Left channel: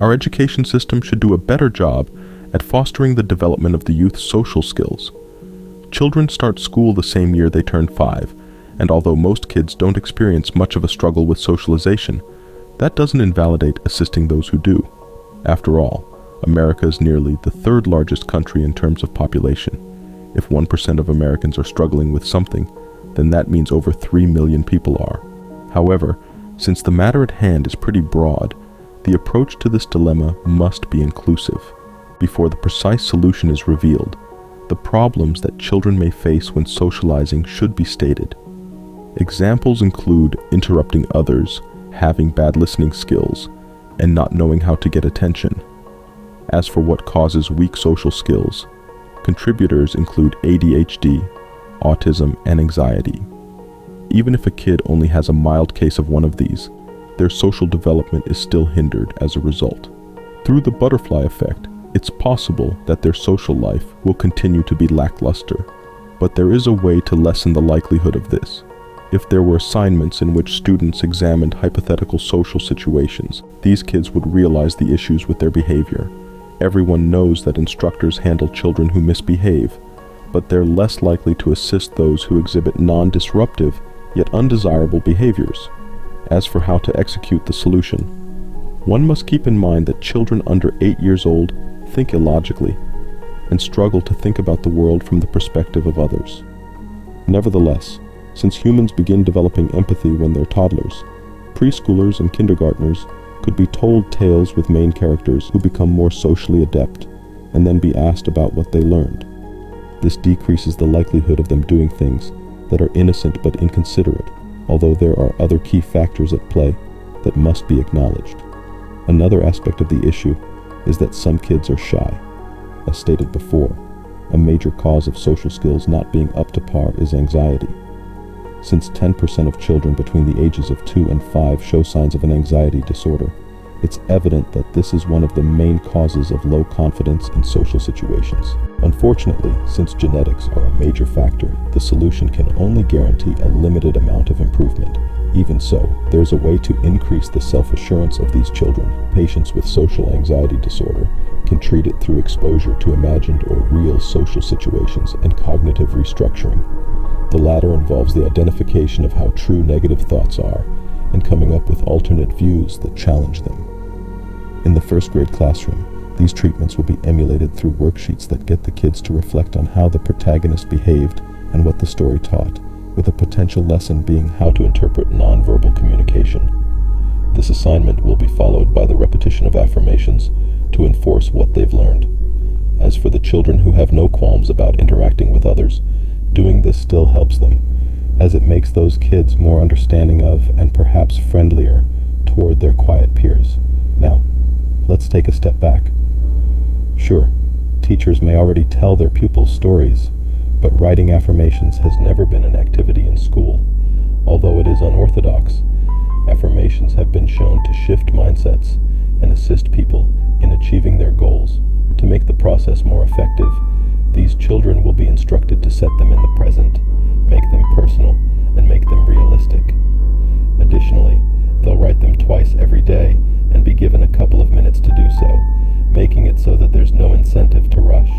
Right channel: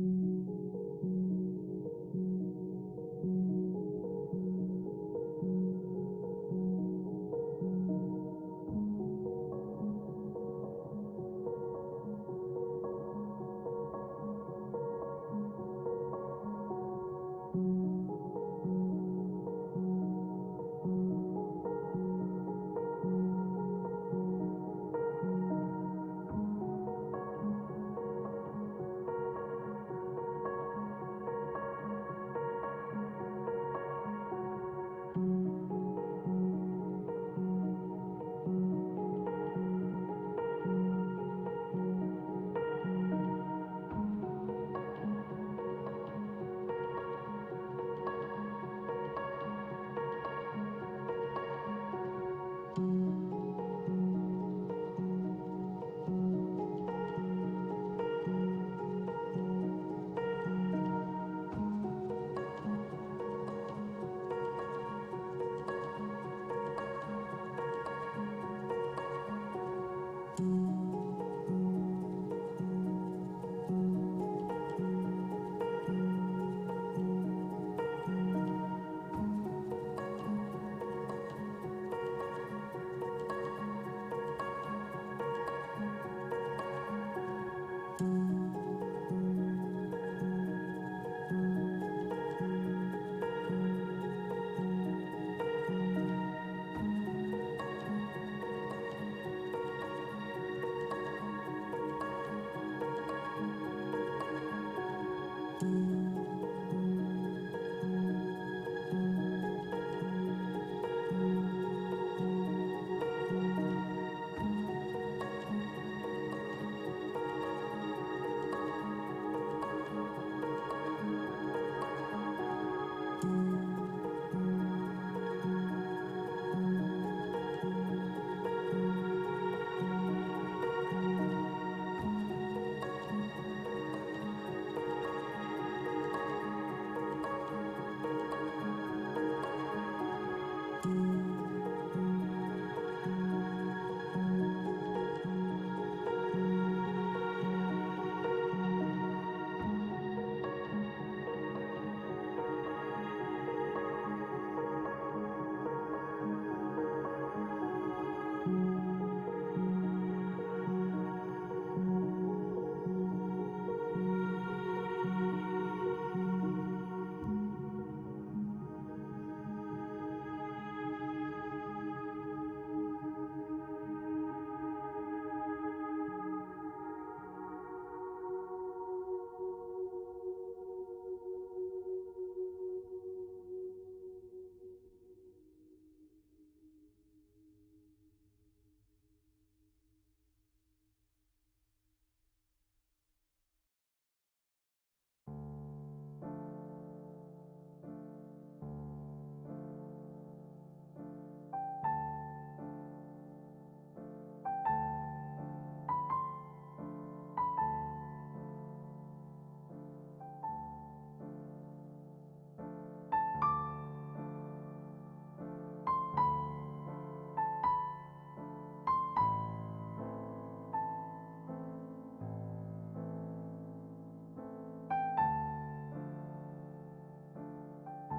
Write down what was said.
Our education system should do a better job at fostering the development of the youth's social skills. Children start school the same year they turn 5, and although most kids don't experience much of a struggle with socialization, that doesn't invalidate assisting those who do. After all, America is nearly the third largest country in terms of population. If 1% of Americans are struggling with something, then that means over 3 million people are. However, since the matter at hand is pretty broad, the approach to this dilemma must be inclusive. Before the precise solution is revealed, the problems that children may face when socializing should be stated. Examples include interrupting others, having bad listening skills, and not knowing how to get attention. As for what causes weak social skills, contributors include ADHD, autism, and anxiety. Even if a kid only has a mild case of one of these, their social development is still hindered as a result. Through the butterfly effect, it's possible that their social life will continue to be lackluster, but there is a way to lessen the likelihood of this. If there were assignments in which students examined hypothetical social situations, these kids would realize the issues with their behavior. Everyone knows that instructors handle children who misbehave, but they're less likely to assist those who exhibit non-disruptive yet undesirable behaviors. As for how to execute the solution, one must keep in mind that children under 8 years old think illogically and struggle to think about the world from the perspective of others. Nevertheless, since humans begin developing empathy when they're toddlers, preschoolers and kindergartners could be told tales with main characters who become more socially adept and then be asked about what they learned. This decreases the likelihood of them doing things that are innocent but inconsiderate, although there are other key factors at play that must be acknowledged. Another aspect of the issue is that some kids are shy. As stated before, a major cause of social skills not being up to par is anxiety. Since 10% of children between the ages of 2 and 5 show signs of an anxiety disorder, it's evident that this is one of the main causes of low confidence in social situations. Unfortunately, since genetics are a major factor, the solution can only guarantee a limited amount of improvement. Even so, there's a way to increase the self-assurance of these children. Patients with social anxiety disorder can treat it through exposure to imagined or real social situations and cognitive restructuring. The latter involves the identification of how true negative thoughts are and coming up with alternate views that challenge them. In the first grade classroom, these treatments will be emulated through worksheets that get the kids to reflect on how the protagonist behaved and what the story taught, with a potential lesson being how to interpret nonverbal communication. This assignment will be followed by the repetition of affirmations to enforce what they've learned. As for the children who have no qualms about interacting with others, doing this still helps them, as it makes those kids more understanding of and perhaps friendlier toward their quiet peers. Now, let's take a step back. Sure, teachers may already tell their pupils stories, but writing affirmations has never been an activity in school. Although it is unorthodox, affirmations have been shown to shift mindsets and assist people in achieving their goals. To make the process more effective, these children will be instructed to set them in the present, make them personal, and make them realistic. Additionally, they'll write them twice every day and be given a couple of minutes to do so, making it so that there's no incentive to rush.